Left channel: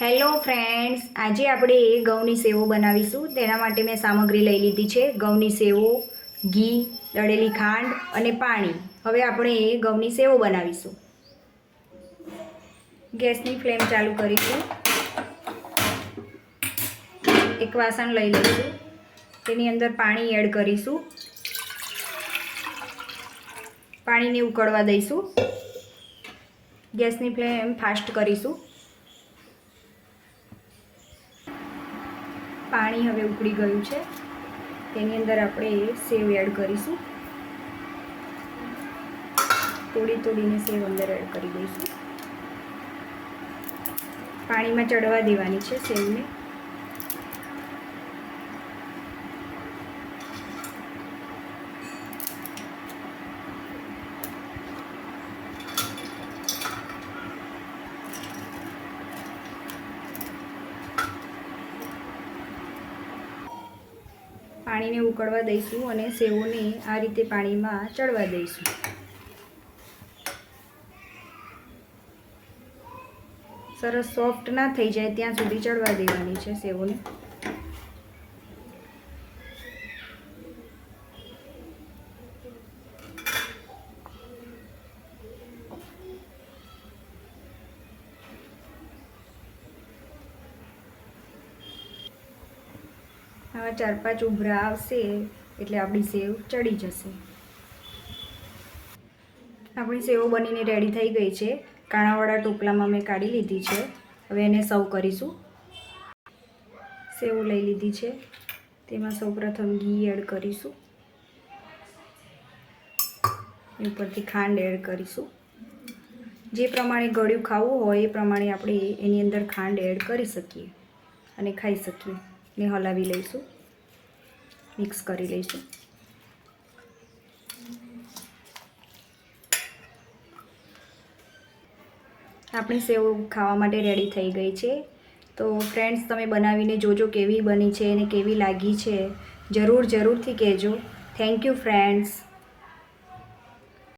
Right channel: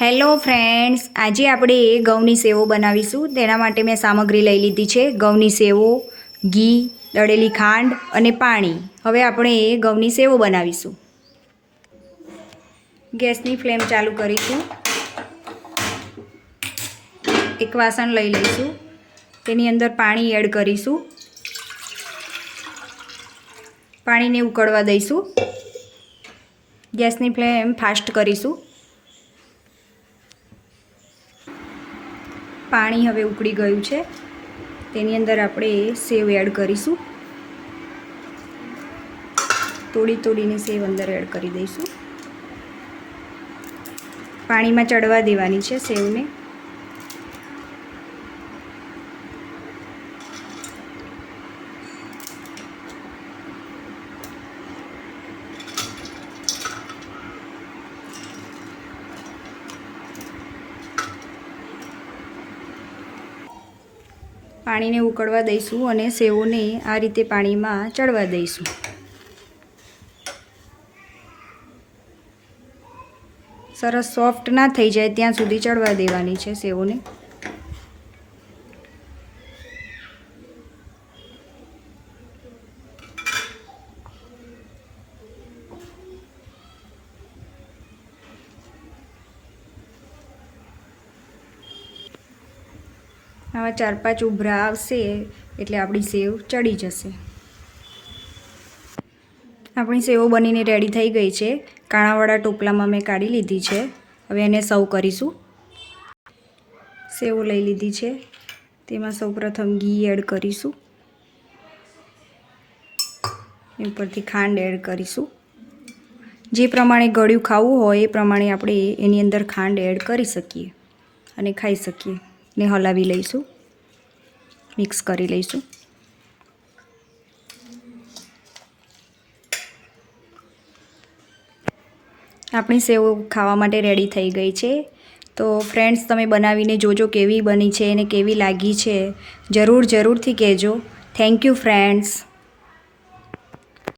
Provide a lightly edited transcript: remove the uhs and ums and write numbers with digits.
Hello friends, આજે આપણે ઘઉંની સેવો બનાવીશું। તેના માટે મેં સામગ્રી લઈ લીધી છે ઘઉંની સેવો, ઘી, દળેલી ખાંડ અને પાણી। હવે આપણે ઘઉંની સેવો બનાવીશું। ગેસની ફ્લેમ ચાલુ કરીશું। એક વાસણ લઈ લઈશું, તેની અંદર પાણી એડ કરીશું। પાણીને ઉકળવા દઈશું। ગેસની ફ્લેમ ફાસ્ટ કરીશું। પાણી હવે ઉકળી ગયું છે, તેની અંદર આપણે સેવ એડ કરીશું। તોડીને સેવ અંદર એડ કરી દઈશું। પાણીમાં ચડવા દેવાની છે સેવને। પાણીને ઉકળવા દઈશું અને સેવોને આ રીતે પાણીમાં ચડવા દઈશું। સરસ સોફ્ટ ના થઈ જાય ત્યાં સુધી ચડવા દેવાની છે સેવોને। આવા 4-5 ઉભરા આવશે એટલે આપણી સેવ ચડી જશે। આપણી સેવો બનીને રેડી થઈ ગઈ છે। કાણાવાળા ટોપલામાં મેં કાઢી લીધી છે। હવે એને સર્વ કરીશું। સેવો લઈ લીધી છે, તેમાં સૌપ્રથમ ઘી એડ કરીશું। ઉપરથી ખાંડ એડ કરીશું। જે પ્રમાણે ગળ્યું ખાવું હોય એ પ્રમાણે આપણે એની અંદર ખાંડ એડ કરી શકીએ અને ખાઈ શકીએ। ને હલાવી લઈશું, મિક્સ કરી લઈશું। આપણી સેવ ખાવા માટે રેડી થઈ ગઈ છે। તો ફ્રેન્ડ્સ, તમે બનાવીને જોજો કેવી બની છે અને કેવી લાગી છે। જરૂરથી કહેજો। Thank you friends.